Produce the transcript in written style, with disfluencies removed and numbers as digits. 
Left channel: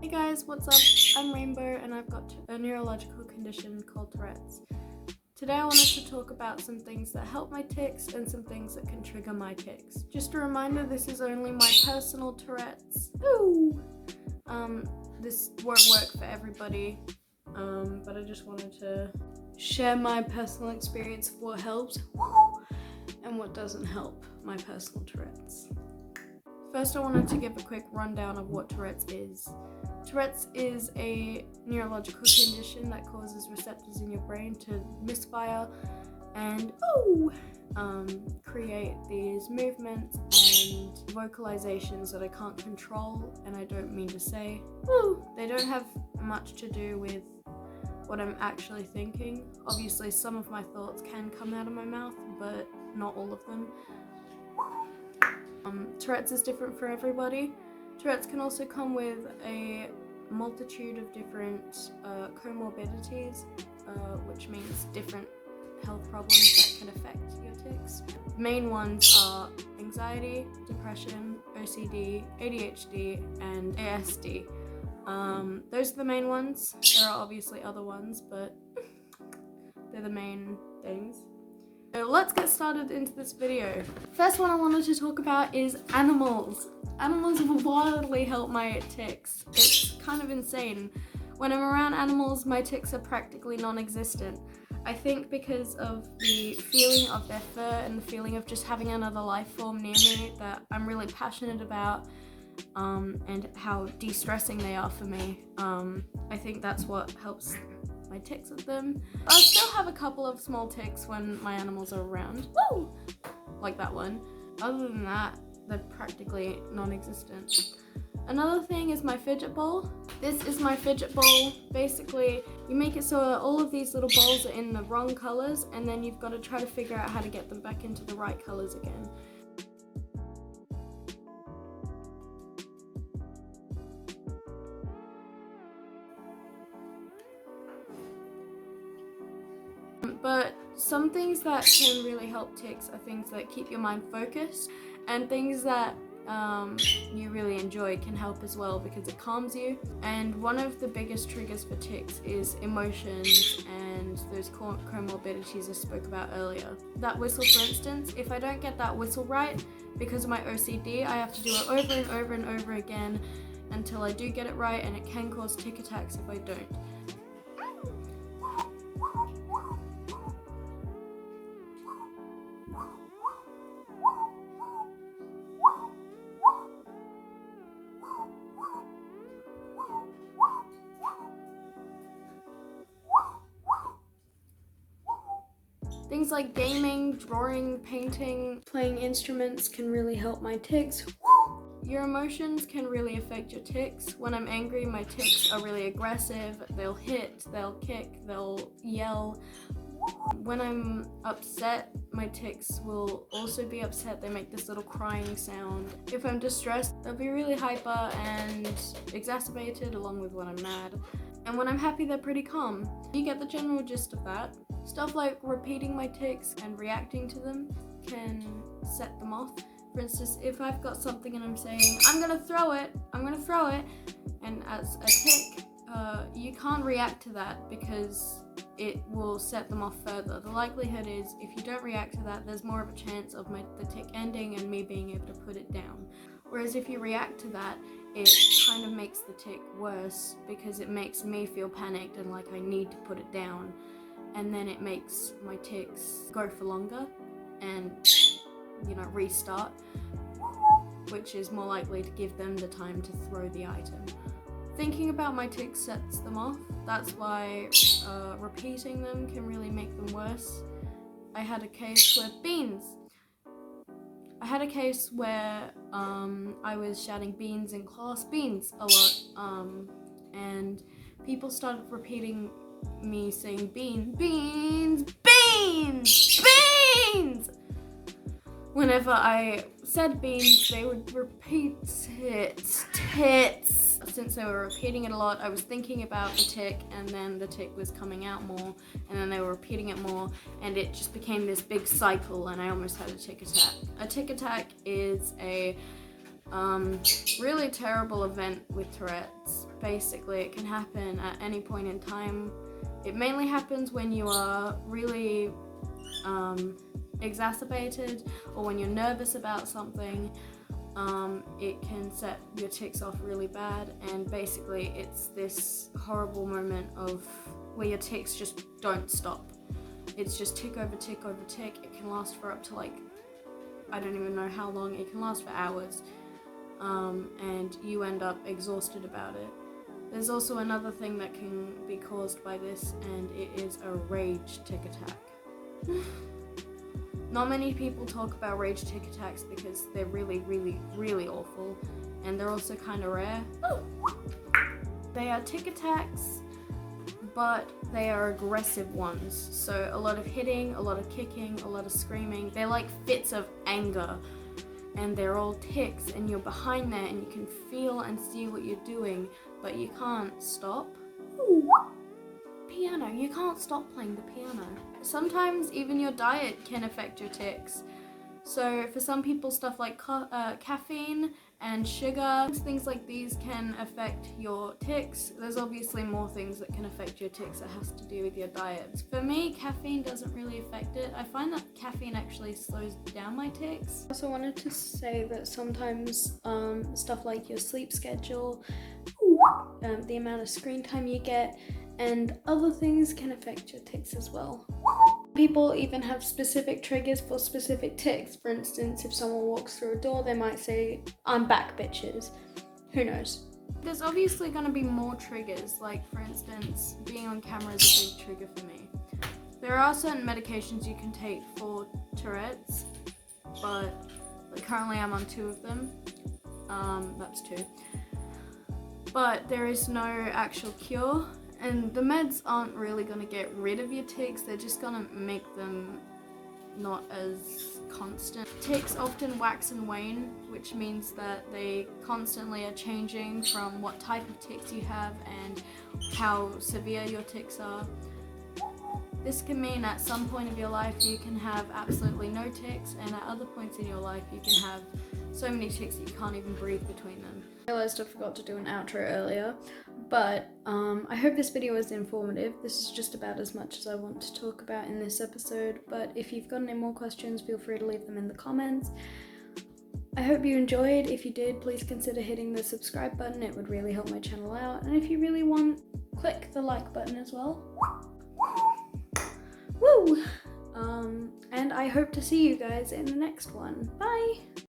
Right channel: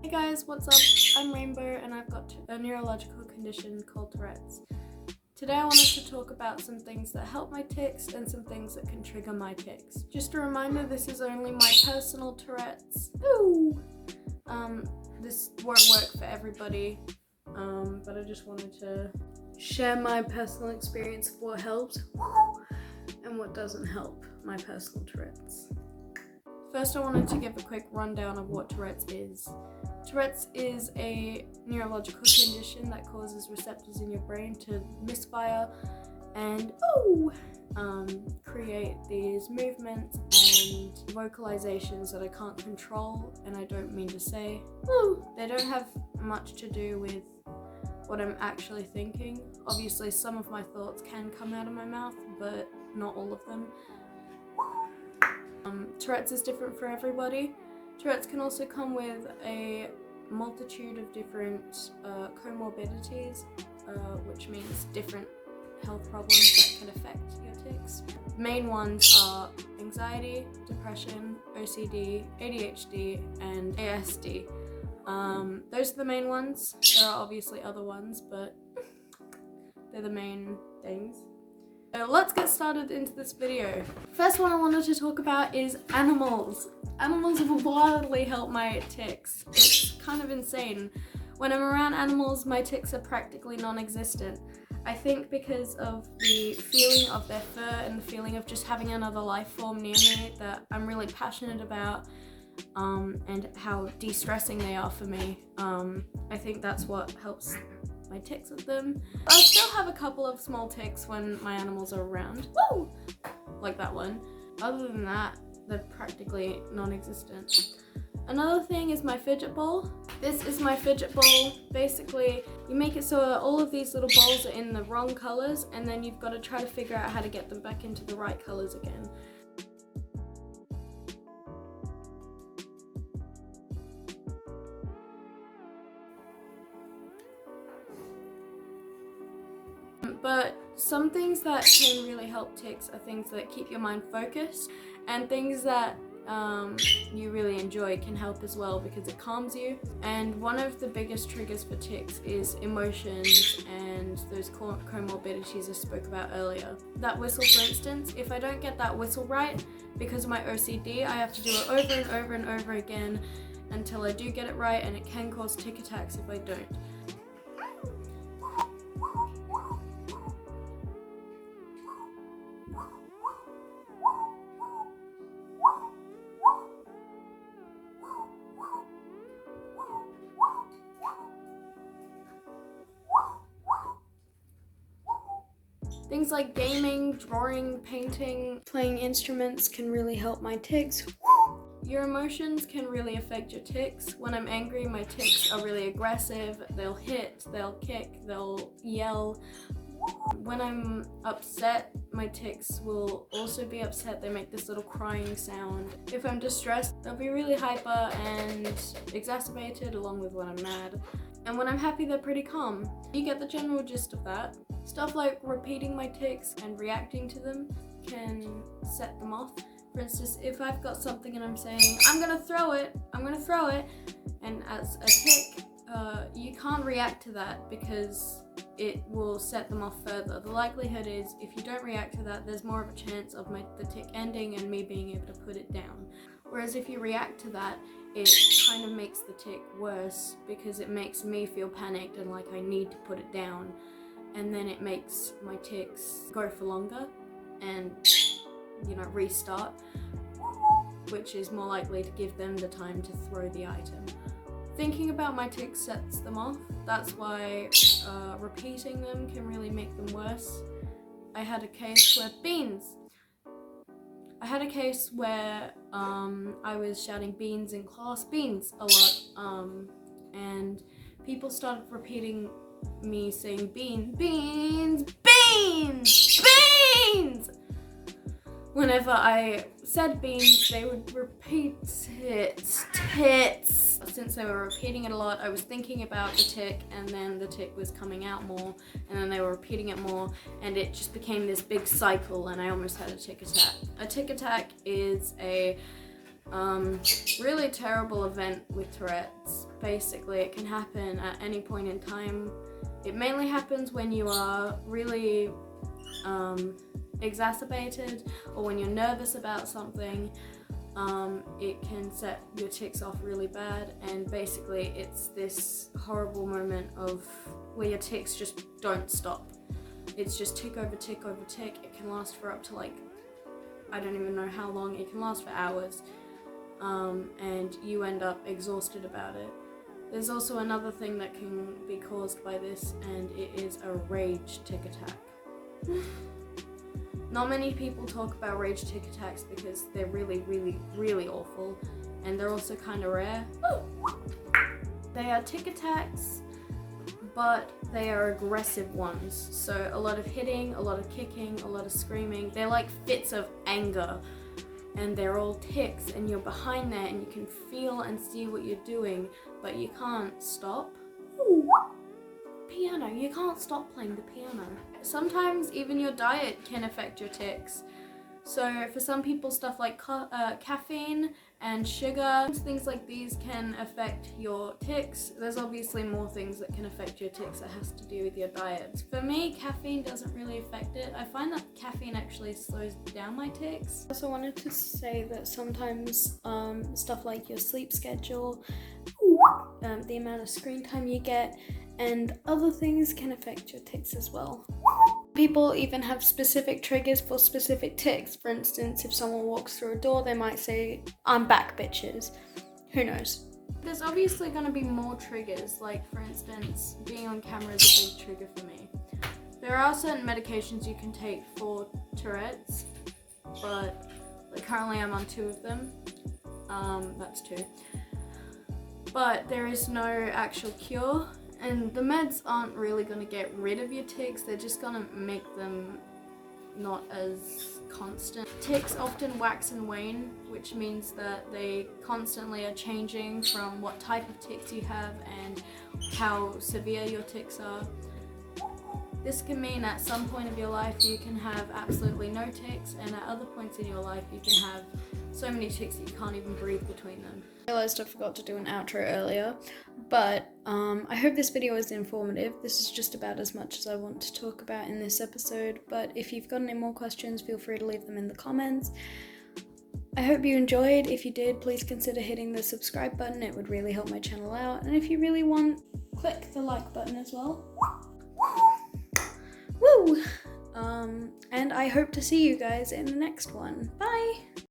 Hey guys, what's up? I'm Rainbow and I've got a neurological condition called Tourette's. Today I wanted to talk about some things that help my tics and some things that can trigger my tics. Just a reminder, this is only my personal Tourette's. Ooh! This won't work for everybody, but I just wanted to share my personal experience of what helps and what doesn't help my personal Tourette's. First, I wanted to give a quick rundown of what Tourette's is. Tourette's is a neurological condition that causes receptors in your brain to misfire and create these movements and vocalizations that I can't control, and I don't mean to say. They don't have much to do with what I'm actually thinking. Obviously, some of my thoughts can come out of my mouth, but not all of them. Tourette's is different for everybody. Tourette's can also come with a multitude of different comorbidities, which means different health problems that can affect your tics. Main ones are anxiety, depression, OCD, ADHD, and ASD. Those are the main ones. There are obviously other ones, but they're the main things. So let's get started into this video. First one I wanted to talk about is animals. Animals wildly help my tics. It's kind of insane. When I'm around animals, my tics are practically non-existent. I think because of the feeling of their fur and the feeling of just having another life form near me that I'm really passionate about, and how de-stressing they are for me. I think that's what helps my tics with them. I'll still have a couple of small tics when my animals are around. Woo! Like that one. Other than that, they're practically non-existent. Another thing is my fidget ball. This is my fidget ball. Basically, you make it so all of these little balls are in the wrong colors, and then you've got to try to figure out how to get them back into the right colors again. But some things that can really help tics are things that keep your mind focused, and things that you really enjoy can help as well because it calms you. And one of the biggest triggers for tics is emotions and those comorbidities I spoke about earlier. That whistle, for instance, if I don't get that whistle right because of my OCD, I have to do it over and over and over again until I do get it right, and it can cause tic attacks if I don't. Things like gaming, drawing, painting, playing instruments can really help my tics. Your emotions can really affect your tics. When I'm angry, my tics are really aggressive. They'll hit, they'll kick, they'll yell. When I'm upset, my tics will also be upset. They make this little crying sound. If I'm distressed, they'll be really hyper and exacerbated, along with when I'm mad. And when I'm happy, they're pretty calm. You get the general gist of that. Stuff like repeating my tics and reacting to them can set them off. For instance, if I've got something and I'm saying, I'm gonna throw it, and as a tic, you can't react to that because it will set them off further. The likelihood is, if you don't react to that, there's more of a chance of the tic ending and me being able to put it down. Whereas if you react to that, it kind of makes the tic worse because it makes me feel panicked and like I need to put it down. And then it makes my tics go for longer and, restart, which is more likely to give them the time to throw the item. Thinking about my tics sets them off. That's why repeating them can really make them worse. I had a case where I was shouting beans in class, beans, a lot, and people started repeating me saying beans. Whenever I said beans, they would repeat tits. Since they were repeating it a lot, I was thinking about the tic, and then the tic was coming out more, and then they were repeating it more, and it just became this big cycle, and I almost had a tic attack. A tic attack is a really terrible event with Tourette's. basically it can happen at any point in time. It mainly happens when you are really exacerbated or when you're nervous about something. It can set your tics off really bad, and basically it's this horrible moment of where your tics just don't stop. It's just tick over tick over tick. It can last for up to like, I don't even know how long. It can last for hours, and you end up exhausted about it. There's also another thing that can be caused by this, and it is a rage tic attack. Not many people talk about rage tic attacks because they're really, really, really awful, and they're also kind of rare. They are tic attacks, but they are aggressive ones. So a lot of hitting, a lot of kicking, a lot of screaming. They're like fits of anger, and they're all tics, and you're behind there and you can feel and see what you're doing, but you can't stop. Piano, you can't stop playing the piano. Sometimes even your diet can affect your tics. So for some people, stuff like caffeine and sugar, things like these can affect your tics. There's obviously more things that can affect your tics that has to do with your diet. For me, caffeine doesn't really affect it. I find that caffeine actually slows down my tics. I also wanted to say that sometimes stuff like your sleep schedule, the amount of screen time you get, and other things can affect your tics as well. People even have specific triggers for specific tics. For instance, if someone walks through a door, they might say, "I'm back, bitches." Who knows? There's obviously going to be more triggers, like for instance, being on camera is a big trigger for me. There are certain medications you can take for tourettes, but like currently I'm on 2 of them. That's 2. But there is no actual cure. And the meds aren't really going to get rid of your tics, they're just going to make them not as constant. Tics often wax and wane, which means that they constantly are changing from what type of tics you have and how severe your tics are. This can mean at some point of your life you can have absolutely no tics, and at other points in your life you can have so many tics that you can't even breathe between them. I realized I forgot to do an outro earlier, but I hope this video was informative. This is just about as much as I want to talk about in this episode, but if you've got any more questions, feel free to leave them in the comments. I hope you enjoyed. If you did, please consider hitting the subscribe button. It would really help my channel out. And if you really want, click the like button as well. Woo! And I hope to see you guys in the next one. Bye!